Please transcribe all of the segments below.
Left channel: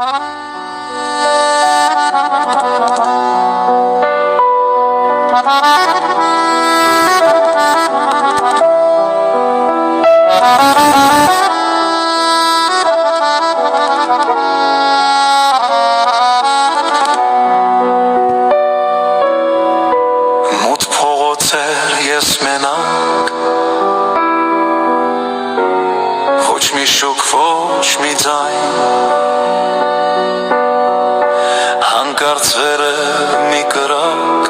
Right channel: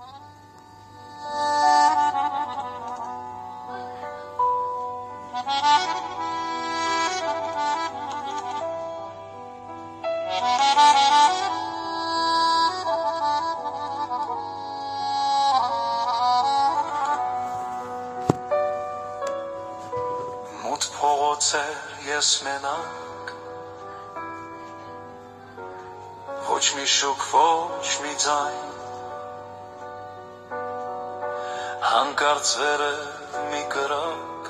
Մութ փողոցեր ես մենակ Ոչ մի շուք, ոչ մի ձայն Հանկարծ վերը մի կրակ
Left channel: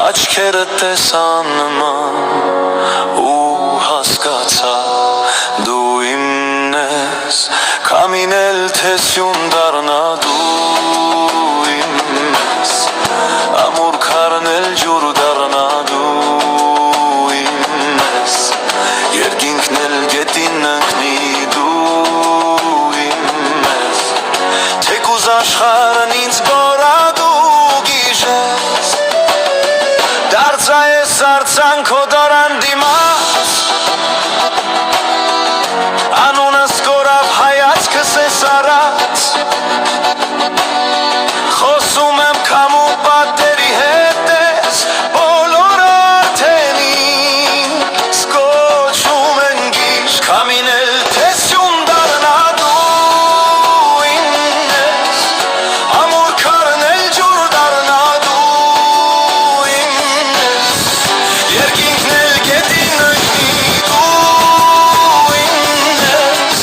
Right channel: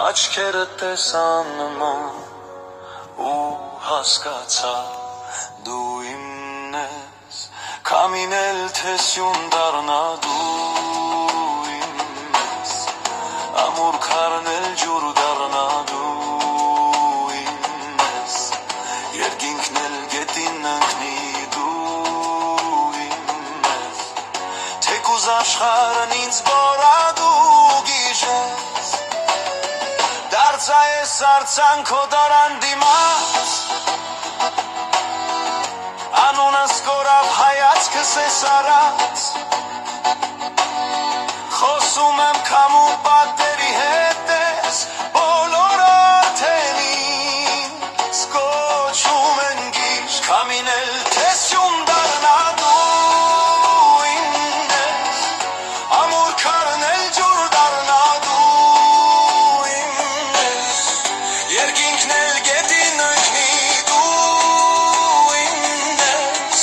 Աչքերը տեսան նման Ու հասկացա դու իմն ես Կամինել թե սյուն դառնա դու իմն ես Ամուր քարնել ջուր դառնա դու իմն ես Երկինքն էլ գետին ընկնի դու իմն ես Թեկուզ աշխարհն ինձ բորադու գիժես Դարձա ես արձանքո դորան դիմաց Անունս կորավ հայացքս ես առած Խոսում եմ քամու պատերի հետ ես Բոլոր արդենին Սկոչում են գիշ Կամինել թե սյուն դառնա դու իմն ես Ամուր քարնել ջուր դառնա դու իմն ես Երկինքն էլ գետին ընկնի դու իմն ես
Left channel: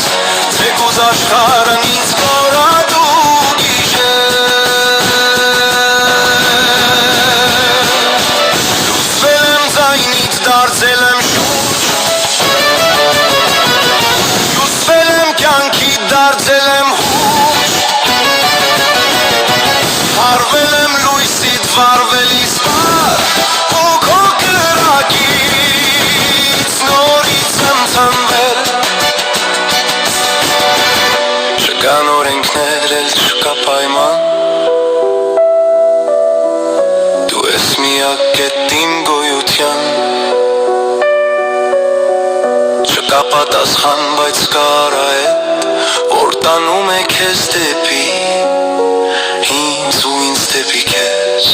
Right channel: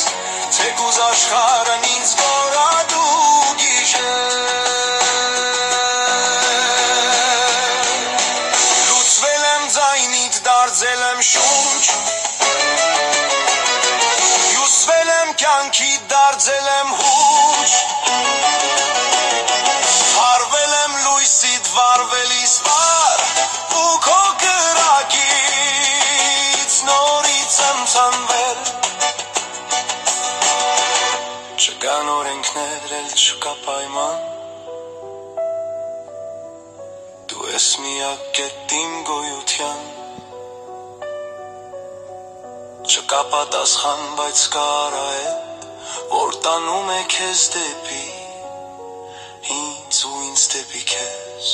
Թեկուզ աշխարհն ինձ կորադու Լուսվել եմ ձայնից դարձել եմ շունչ Հյուսվել եմ կյանքիդ դարձել եմ հուչ Հարվել եմ լույսիդ վարվել իսպար Ու քո կրակից նորից եմ թմվել Չկան օրենքներ էլ չկա պայման Դու ես միակ կետ իմ գոյության Չկա պատասխան, բայց կա արահետ Որ տանում է քեզ դեպի Ինձ ու ինձ դեպի քեզ